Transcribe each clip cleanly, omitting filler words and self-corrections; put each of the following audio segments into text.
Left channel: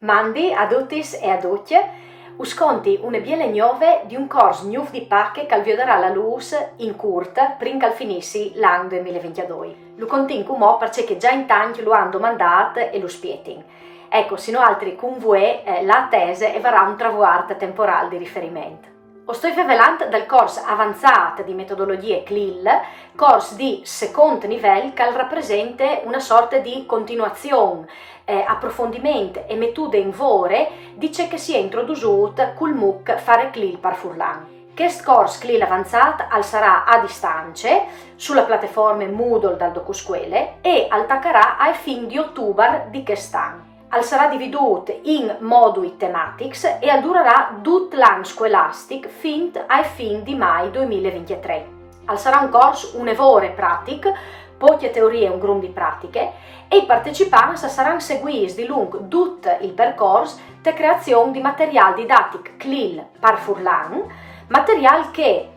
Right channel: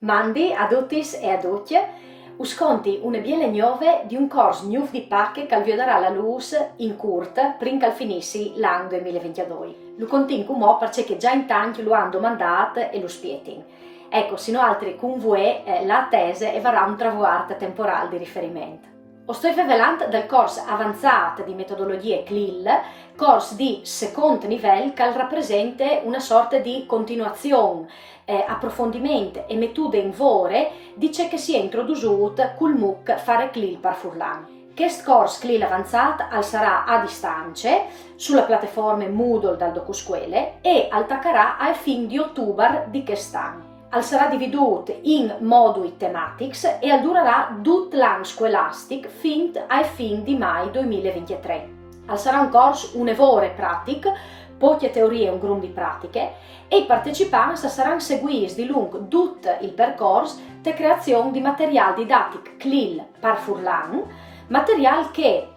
Mandi a tutti e a tutte, usconti una biele nuove di un corso nuovo di pacche che vedrà la luce in curta prima che finissi l'anno 2022. Lo continuo mo perché già in tanti lo hanno domandato e lo spietin. Ecco, sino altri con voi la tese e varrà un traguardo temporale di riferimento. Sto parlando del corso avanzato di metodologie CLIL, corso di secondo livello che rappresenta una sorta di continuazione, approfondimento e metode in vore di ciò che si è introdotto col MOOC Fare CLIL par Furlan. Questo corso CLIL avanzato sarà a distanza sulla piattaforma Moodle dal DocuScuole e attaccherà ai fin di ottobre di quest'anno. Sarà dividuto in moduli tematici e durerà tutto l'anno scolastico fin ai fin di mai 2023. Sarà un corso un'evore pratico, poche teorie e un gruppo di pratiche e i partecipanti saranno seguiti di lungo tutto il percorso di creazione di materiale didattico CLIL par Furlan, materiale che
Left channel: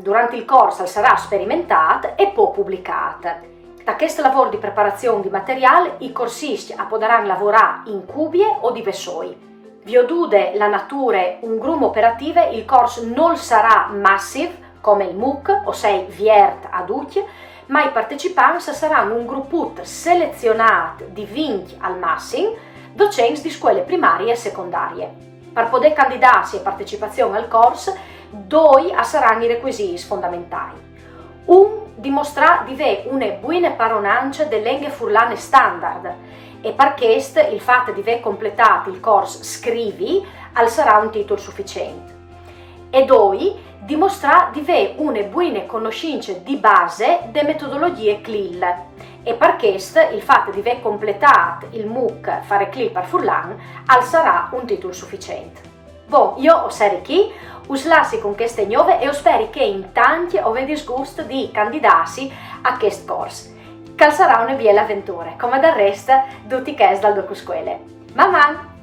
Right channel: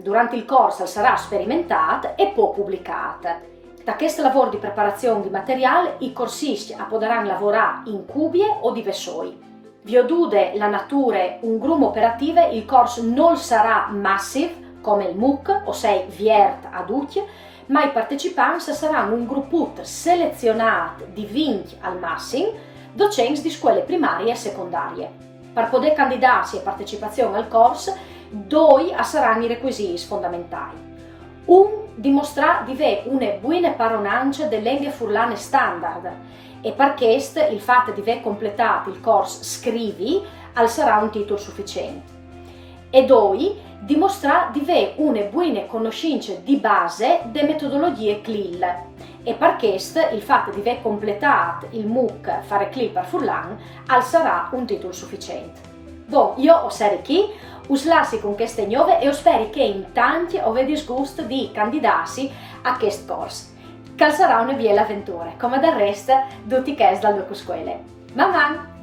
durante il corso sarà sperimentato e poi pubblicato. Da questo lavoro di preparazione di materiale, i corsisti potranno lavorare in cubie o di vessoi. Vi odude la natura un gruppo operativo, il corso non sarà massive come il MOOC, ossia viert a tutti, ma i partecipanti saranno un gruppo selezionato di 20 al massimo, docenti di scuole primarie e secondarie. Per poter candidarsi a partecipazione al corso, due saranno i requisiti fondamentali. Un dimostrare di avere una buona padronanza delle lingue furlane standard e per questo il fatto di aver completato il corso Scrivi sarà un titolo sufficiente. E due, dimostrare di avere una buona conoscenza di base delle metodologie CLIL e per questo il fatto di aver completato il MOOC Fare CLIL par Furlan sarà un titolo sufficiente. Io ho serie qui, us lasci con queste nuove e spero che in tanti avete gusto di candidarsi a questo corso, che sarà una bella avventura, come del resto tutti i dal DocuScuole. Mamma!